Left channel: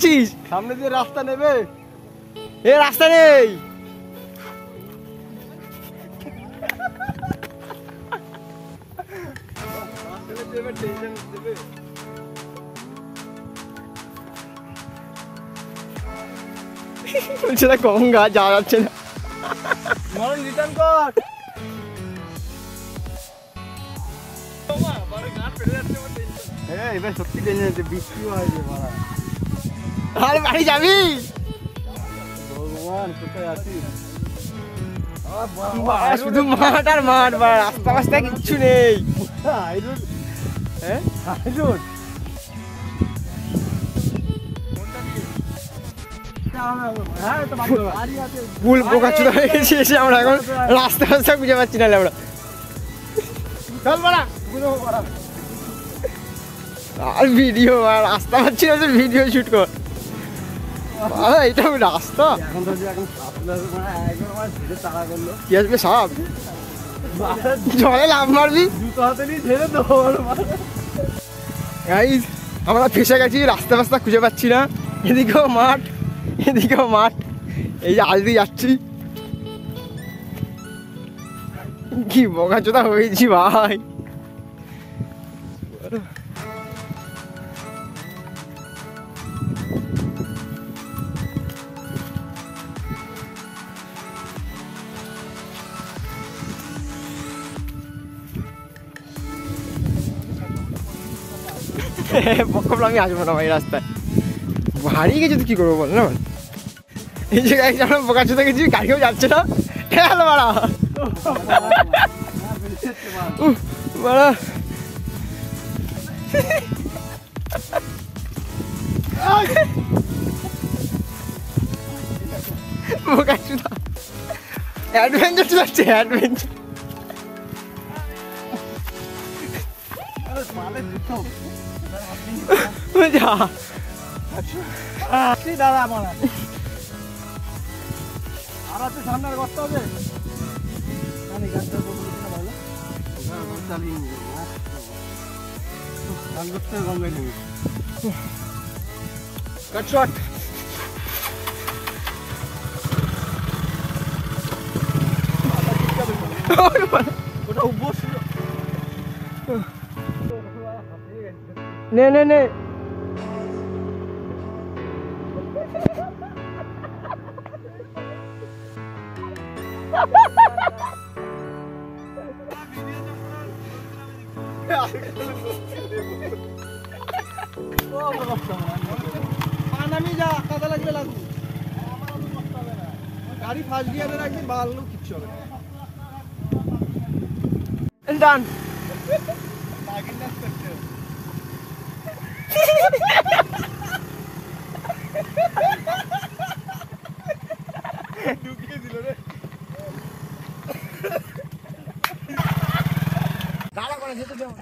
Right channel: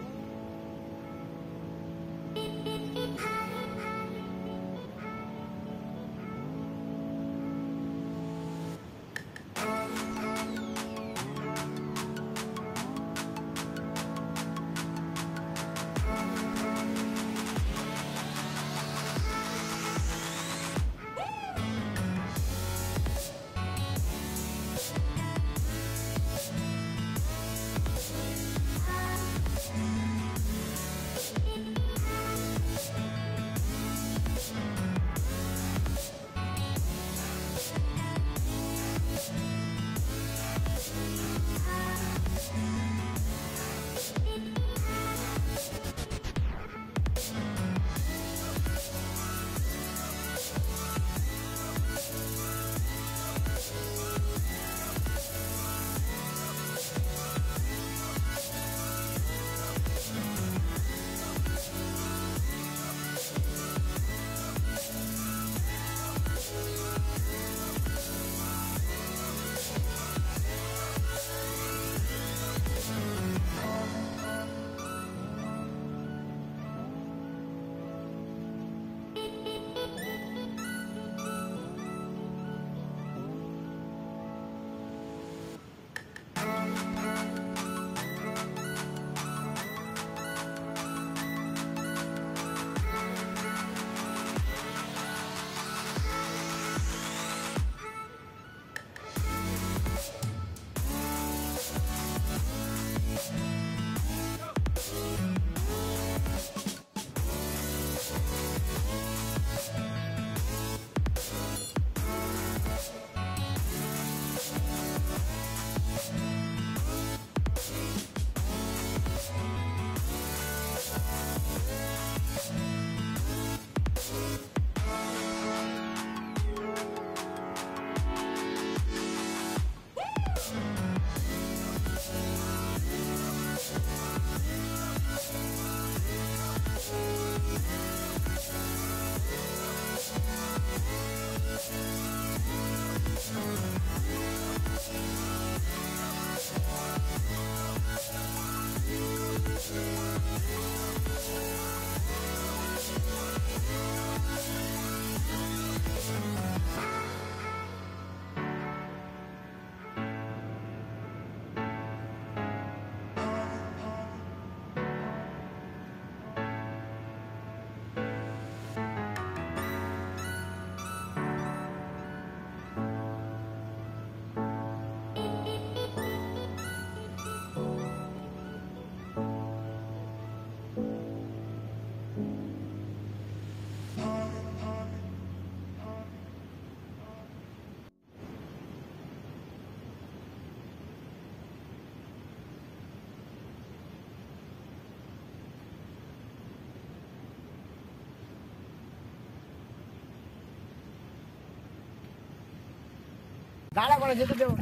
যাচ্ছিস? সামনে দিয়ে রাস্তা নেবে? এ রাস্তা নেই। সেটা গঙ্গা যাওয়া যাচ্ছে না। রিটার্ন কর। এবার সত্যি টেনে বৃষ্টি হয়েছে। আর বাড়ি যাবি? ভগবান কোথায় আছিস? শুধু মাঠ আর মাঠ, রাস্তা রাস্তা কিচ্ছু নেই। ফুল বোকাচোদা হয়ে গেছি এসে আমরা এখন রাস্তা রাস্তা খুঁজে পাচ্ছি না আমরা। চল বাড়া আর ভিডিও আর রাস্তা পাচ্ছি না, ভিডিও শুট কর। এটা রাস্তা কি আসবে? সাপ জলে লাভ মারবি? আমরা ফেসে গেছি, রাস্তা রাস্তা খুঁজে পাচ্ছি না। এদিকেও মাঠ এদিকেও মাঠ, এই যে আল দিয়ে যাচ্ছি। কি বোকাচোদা হয়েছি ভাই। পক্ষে আমি আসবো না ভাই, রাস্তায় হারিয়ে গেছি তো কি করবো বল না। এই যে গাড়ি আমরা বোকাচোদা গেছি, গাড়িও যাচ্ছে না। হ্যালো বাড়া বাড়া বোকাচোদা অ্যাডভেঞ্চার চলাচ্ছে, অ্যাডভেঞ্চার। যা দাদা আমার তো সামনে করতে হবে। শট নে নে নে। নামি যা, কাদা লাগবে লাগবে। গাড়ি ফার্স্ট গিয়ারে রাখবি, বাড়ানো কিচ্ছু হবে না। ডান। ঢুকিয়ে দিল রে। দাঁড়া করে যেতে দেও।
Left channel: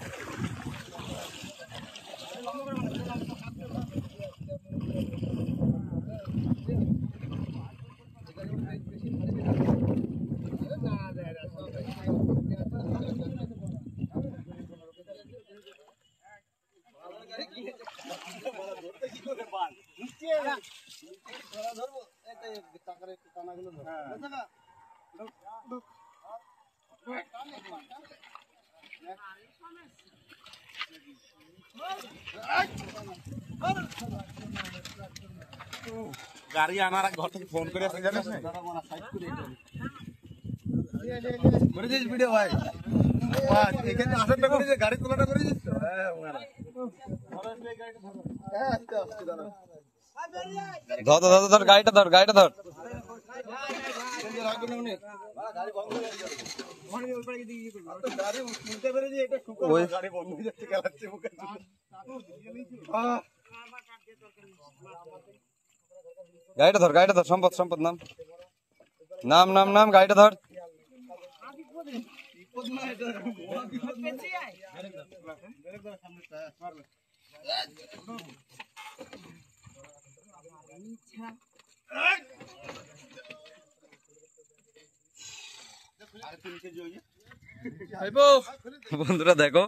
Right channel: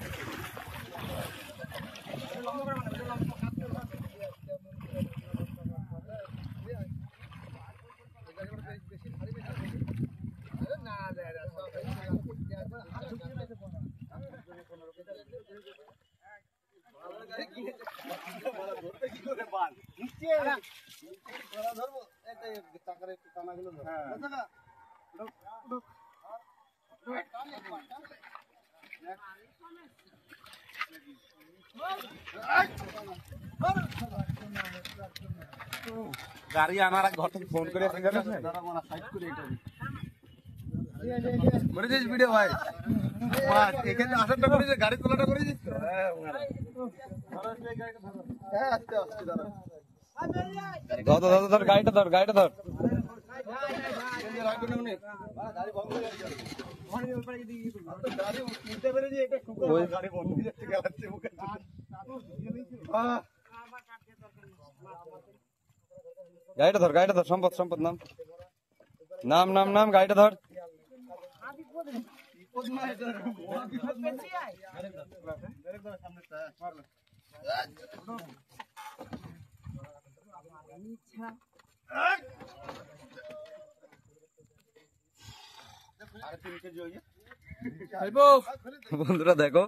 গাড়ি আনার ঘর থেকে ফোন করে সাইড করে ভিডিও ভাই এখানে আসারটা করে গাড়ি তোলাটা করে দিচ্ছ। ধর ধর ধর গাড়িটা ধর, গাড়িটা ধর। গাড়িটা ধর, গাড়িটা ধর। সম্পদ, সম্পদ নাম নাম নাম নাম, গাড়িটা ধর। আরে 3 কেজি হয়ে বন্ধুরা দেখো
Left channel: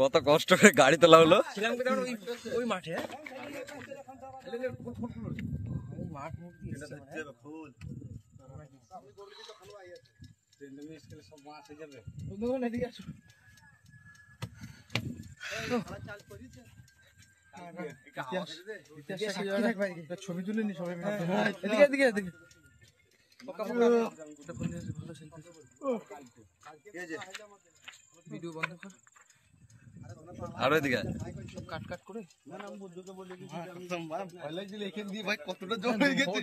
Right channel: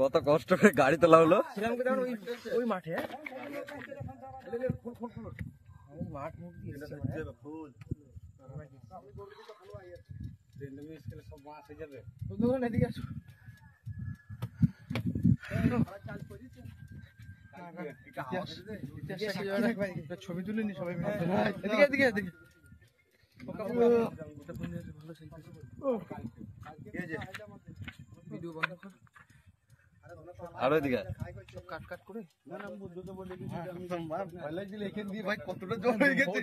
কত কষ্ট করে গাড়ি তোলা হলো। ওই মাঠে ছবি তুলে নি সবাই এদিকে এদিকে ভিডিও বন্ধ কর আরো এদিকে কাট কাট করে ভয় লাগছিল এখান দিয়ে ভাই কতটা জল হয়ে গেছে।